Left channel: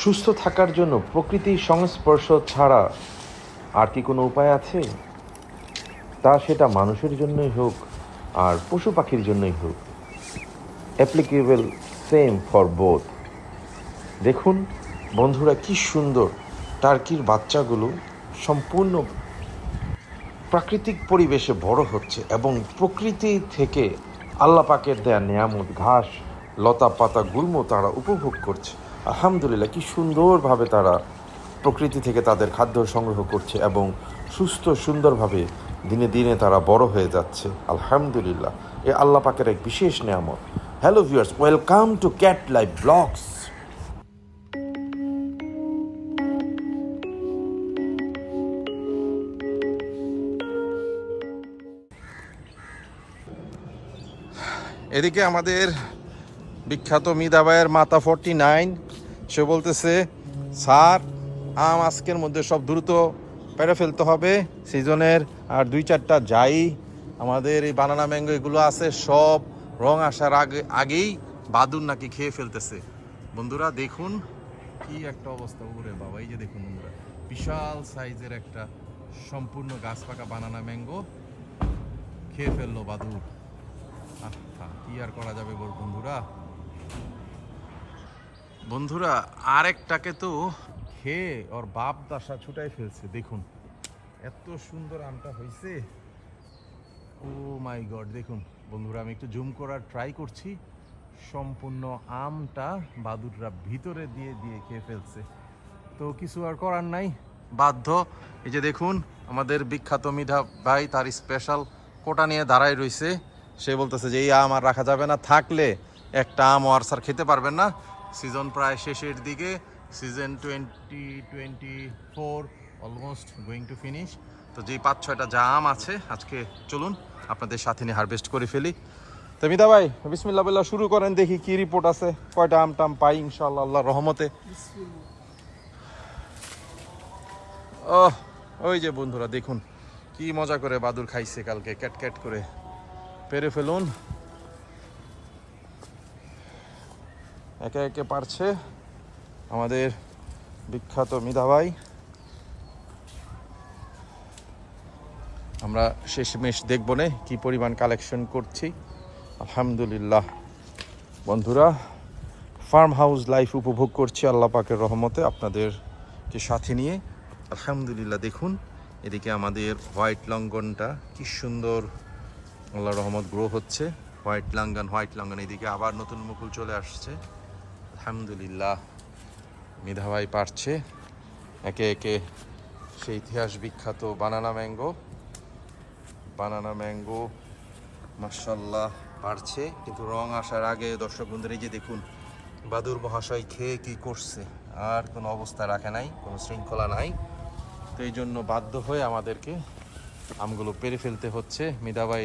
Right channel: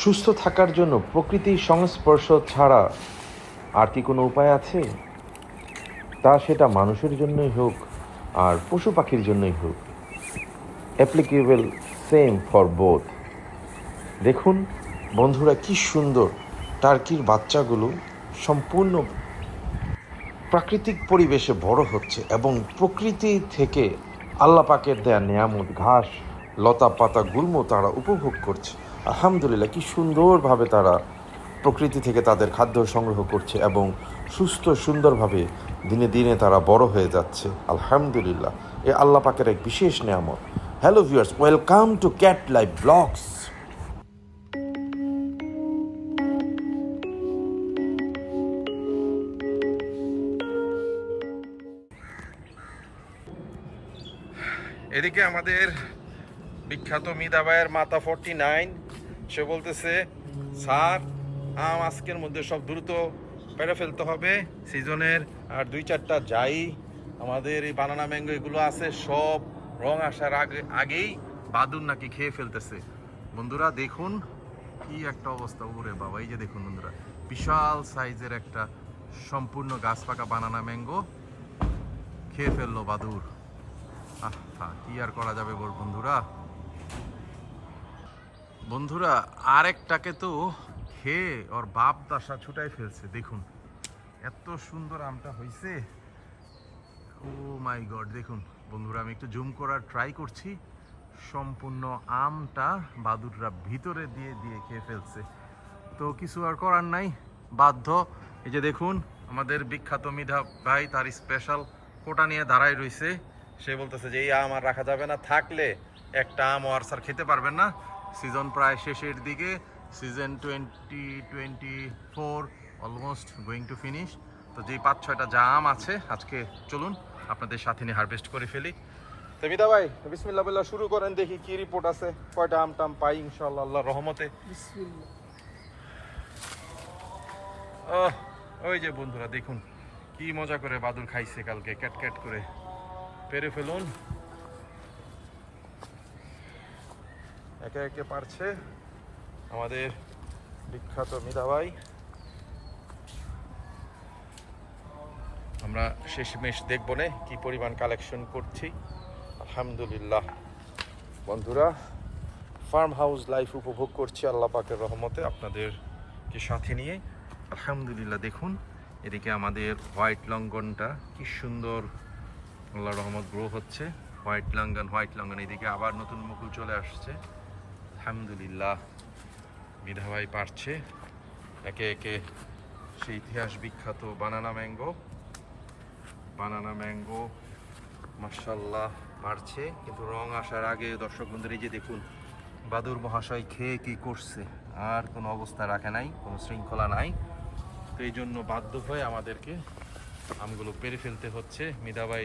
সুস্থ থাকার জন্য প্রকৃতির সংস্পর্শ ছাড়া আর কি কোনো উপায় আছে? তা সেটা মানুষের জন্যই হোক আর পশু পাখির জন্যই হোক, অ্যাপ্লিকেবল সেম ফর বোথ। দেখুন বন্ধুরা, কি সুন্দর টার্কির বাচ্চাগুলো সম্পূর্ণ প্রাকৃতিক পরিবেশে বড় হচ্ছে এবং প্রকৃতি থেকে আল্লাহ পাকের দেয়া নেয়ামত ঘাস, লতা পাতা, গুল্ম তারা উপভোগ করছে। আলহামদুলিল্লাহ, কি সুন্দরভাবে তারা প্রকৃতি থেকে তাদের খাদ্য সংগ্রহ করছে এবং সুস্থ সুন্দরভাবে দিনে দিনে তারা বড় হয়ে যাচ্ছে। আলহামদুলিল্লাহ, এ আল্লাহ পাকের এক বিশেষ নেয়ামত। Hello viewers, welcome to cat life blogs. এদিকে আমাদের বিখ্যাত মিদাবাইয়ের মাতা 49, সে বলতেছে স্যার আম আজকের মধ্যে সব দ্রুত পেরে ফেলতে হবে সিজনের, আর 2-4টা যাই আমাদের এই বানানা ম্যাঙ্গো এগুলো আছে সব রং আসার আগেই বাদুর নাকি খেয়ে ফেলতেছে। বন্ধুরা দেখুন কি একটা অবস্থা, ওরে বাবা, এই যে দেখুন বন্ধুরা, বিশাল সাইজের একটা সম্পূর্ণ গাছ পাকা বানানা ম্যাঙ্গো খেয়ে ফেললো বাদুর। কি আর করা যাবে বন্ধুরা। বন্ধুরা আরেকটাকে তো খেয়ে ওর বাপ দাসা ছুটাই ফেলছে। দেখুন এত সুন্দর আমটা হয়েছে, ও মাই গড। দেখুন বন্ধুরা, আমি একটু জুম করার ট্রাই করছি, সম্পূর্ণ আমটা বাদুররা ভিতরে দিয়ে দিয়ে খেয়ে ফেলছে। তো কিছু আর করার নাই, বাধ্য। এই যে দেখুন আমাদের বিখ্যাত মিধা ভাই তার স্পেশাল কোটা নিয়ে দাঁড়ায় রয়েছে। সে বলতেছে যে এই আম আর রাখা যাবে না, থাকলে একটা আম আর স্যার খেতে পারবেন না। সিজন প্রায় শেষের দিকে, season 2024 almost going to finish. তো যেই 5-6টা যা আম আছে আজকে চলুন আপনাদের সাথে নিয়ে হারভেস্ট করে ফেলি। তো মিধা ভাই বিসমিল্লাহ বলে শুরু করেন, দেখি কি রিপোর্ট আছে, কয়টা আম টাম পাই ইনশাআল্লাহ আল্লাহর রহমতে। ওই যে বন্ধুরা দেখুন কি মজা করে বাদুর খাইছে কালকে, ক্যাট ক্যাট করে। পেরে ফেলুন, একে একে পারছে আমাদের বিখ্যাত মিধা ভাই। আমরা শেষমেশ দেখব না কি পরিমাণ কালেকশন করছি। আলহামদুলিল্লাহ বন্ধুরা, ফার্ম হাউস লাইফ উপভোগ করছি আল্লাহ পাকের রহমতে আপনাদেরকে সাথে নিয়ে। আলহামদুলিল্লাহ দেখুন এদিকে আমাদের হোয়াইট লঙ্ঘনটা কি সুন্দর আল্লাহর রহমত গ্রো হচ্ছে। হোয়াইট লঙ্ঘন এদিকে আবার নতুন মুকুল চলে আসছে। আলহামদুলিল্লাহ মিধা ভাই পারছে একে একে সেই ইতিহাস বিখ্যাত বানানা ম্যাঙ্গো মাশাআল্লাহ পারছে। কিন্তু রং আসার আগে দর্শক বন্ধুরা এই যে দেখুন বাদুর মহাশয় খেয়ে কি করছে, আর কোনো অবস্থা রাখে নাই, কোনো শৃঙ্খলা নাই। তো এই জন্য বাধ্য হয়ে আমাদেরকে আমগুলো পেরে ফেলতে হচ্ছে। মিধা ভাই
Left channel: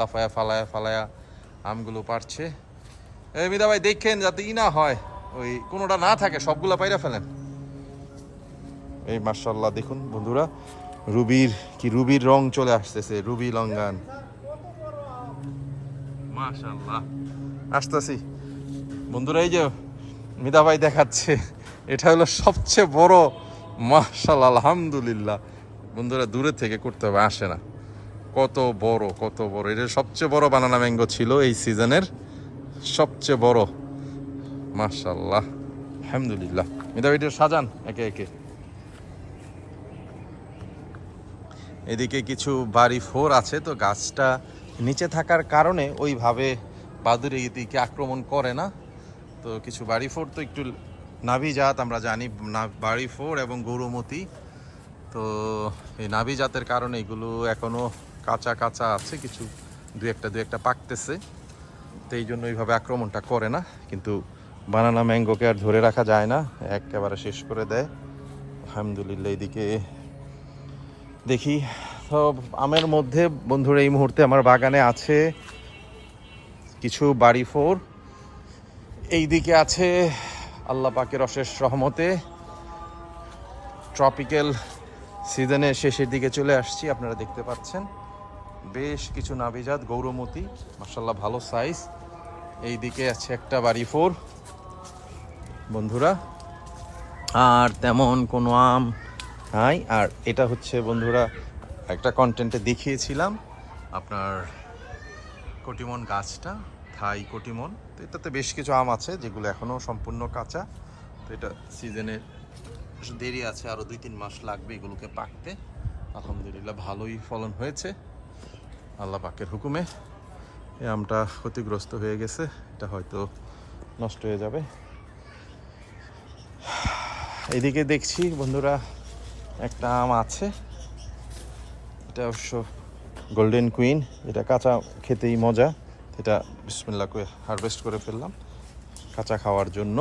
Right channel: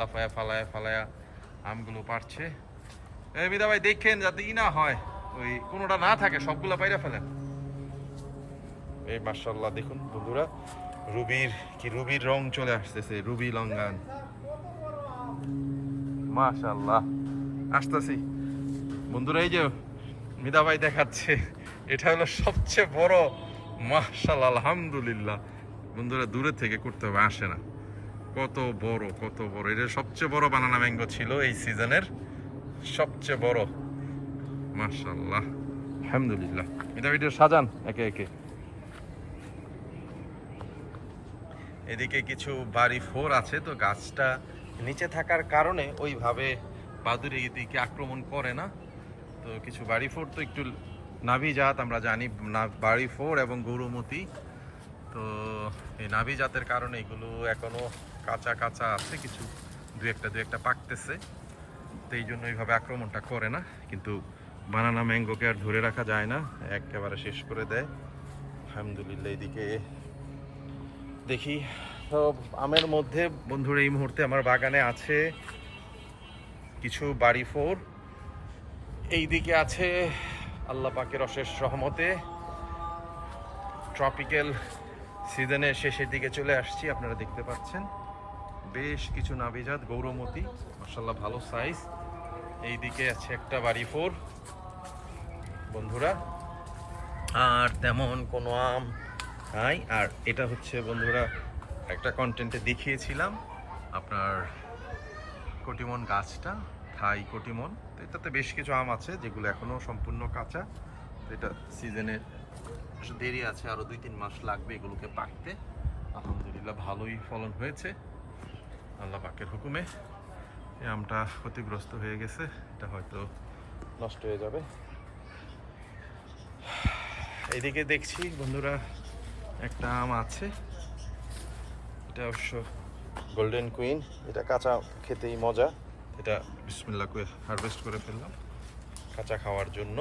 লাফায়া ফালায়া আমগুলো পারছে। এই মিধা ভাই দেখেন যাতে না হয় ওই কোনোটা না থাকে, সবগুলো পাইরা ফেলেন। এই মাশাআল্লাহ দেখুন বন্ধুরা, রুবির রং চলে আসতেছে, রুবি লঙ্ঘন মাশাআল্লাহ। আসতেছি বন্ধুরা, এই যে মিধা ভাই দেখাচ্ছে, এটা হলো সবচেয়ে বড়। মাশাআল্লাহ আলহামদুলিল্লাহ বন্ধুরা, দূরে থেকে করতে হবে, আসে না। কত বড় এটা সবচেয়ে বড় বানানা ম্যাঙ্গো ছিল এই সিজনের, সবচেয়ে বড়। মাশাআল্লাহ আলহামদুলিল্লাহ। মিধা ভাই সাজান একে একে। এদিকে কিছু বাড়ি 4 আছে, তো গাছটা নিচে থাকার কারণে ওইভাবে বাদুড় এদিকে আক্রমণ করে না। তো কিছু বাড়ি 4 তো একটু নাভি জাত, আমরা জানি বাড়ি 4 এবং গৌরমতি। তো এই নাভি জাতের কারণে এগুলো এখনো কাঁচা আছে, কিছু দু একটা পাকতেছে, তো এই জন্য এইভাবে আক্রমণটা করে না। কিন্তু বানানা ম্যাঙ্গোকে আর ধরে রাখা যায় না, একেবারে শেষ করে দেয়। আলহামদুলিল্লাহ এদিকে দেখি। তো আমের মধ্যে বন্ধুরা এই মুহূর্তে আমার বাগানে আছে কিছু বাড়ি 4, এইদিকে আছে আল্লাহ পাকের অশেষ রহমতে ট্রপিক্যাল সিজনের শেষের দিকে চলে আসছি। আপনারা দেখতে পাচ্ছেন বেশ কিছু নাভিজাত গৌরমতি মাশাআল্লাহ ভালো সাইজ। এইদিকে আছে একটা বাড়ি 4 বন্ধুরা, আর তেমন কোনো আম নাই। আর এটা হচ্ছে বন্ধুরা একটা কন্টেন্টে দেখিয়েছিলাম আপনার কটিমন গাছটা, থাই কটিমন। তো এটাতে বেশ কিছু আম আছে যেগুলো এখনও সম্পূর্ণ কাঁচা। তো এটা সিজনের দেরি আছে, আরও 2-3 মাস লাগবে এগুলোকে পাকতে। আলহামদুলিল্লাহ ভালোই ফলন হয়েছে আল্লাহ পাকের হুকুমে। এই আমটা ক্ষতিগ্রস্ত হয়ে গেছে, এটা হয়তো নষ্ট হয়ে যাবে। এদিকে দেখছি বন্ধুরা একটা আম আছে, এটা অবশ্য গোল্ডেন কুইন, এটা কাঁচা খেতেই মজা। এটা বিসমিল্লাহ করে হারভেস্ট করে ফেললাম কাঁচা খাওয়ার জন্য।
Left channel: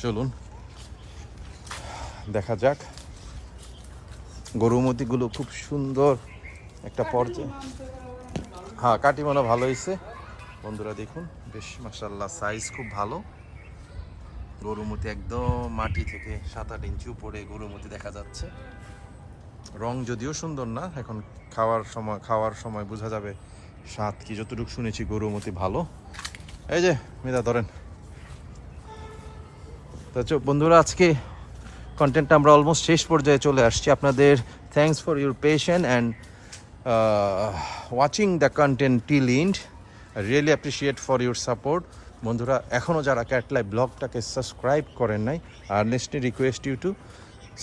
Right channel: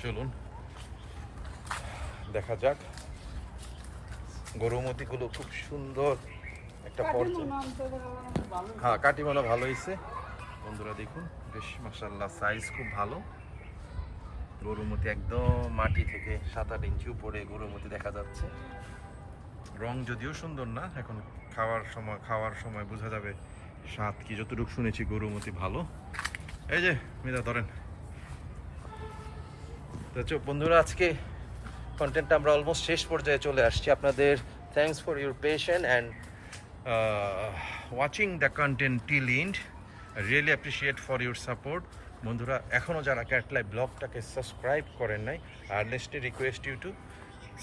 চলুন দেখা যাক। গরুমতিগুলো খুব সুন্দর একটা পর্যায়ে। হ্যাঁ, কাটিমনা ভালো হয়েছে বন্ধুরা, দেখুন বেশ মাশাআল্লাহ সাইজ খুব ভালো। গরুমতি একদম মাটি থেকে 7-8 ইঞ্চি উপরে গরুমতি দেখা যাচ্ছে। রং যদিও সুন্দর না, এখন খাওয়ার সময় বোঝা যাবে স্বাদ কি। যতটুকু শুনেছি গরুমতি ভালো। এই যে মিদা ধরেন। তো বন্ধুরা আজকে কন্টেন্টটা আমরা অলমোস্ট শেষ পর্যায়ে চলে আসছি। আপনাদের thanks for your patience and watching the content till end. Really appreciate for your support. বন্ধুরা এখনও যারা ক্যাট লাইভ ব্লগটাকে সাবস্ক্রাইব করেন নাই, earnestly request you to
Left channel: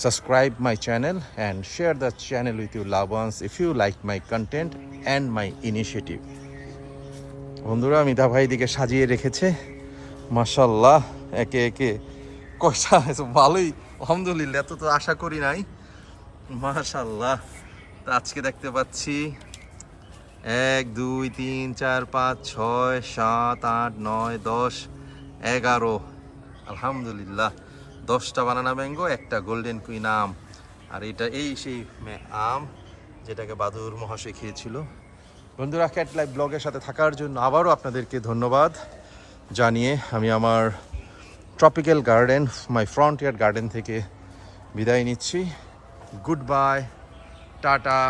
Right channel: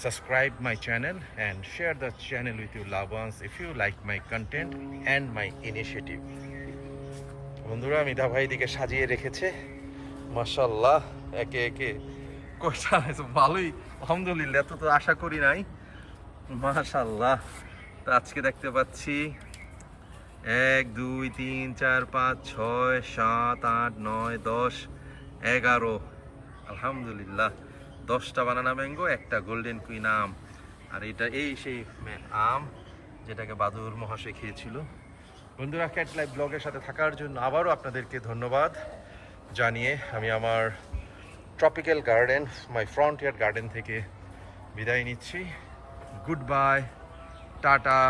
subscribe my channel and share the channel with your loved ones if you like my content and my initiative. বন্ধুরা মিতা ভাই দিকে সাজিয়ে রেখেছে মাশাআল্লাহ, একে একে কষা ভালোই আলহামদুলিল্লাহ, এত তো আশা করি নাই মাশাআল্লাহ। তো আজকে দেখতে পাচ্ছি 1 2 3 4 5 6 7 8 9 10 11, আলহামদুলিল্লাহ 10টা বানানা ম্যাঙ্গো, একটা গোল্ডেন কুইন আম। আর এটা এই সেই আম যেটাকে বাদুর মহাশয় খেয়েছিল। বন্ধুরা ক্যাট লাইভ ব্লগের সাথে থাকার জন্য আবারও আপনাদেরকে ধন্যবাদ জানিয়ে আমি আমার ট্রপিক্যাল গার্ডেন, মাই ফ্রন্টিয়ার গার্ডেন থেকে বিদায় নিচ্ছি। Good bye, tata.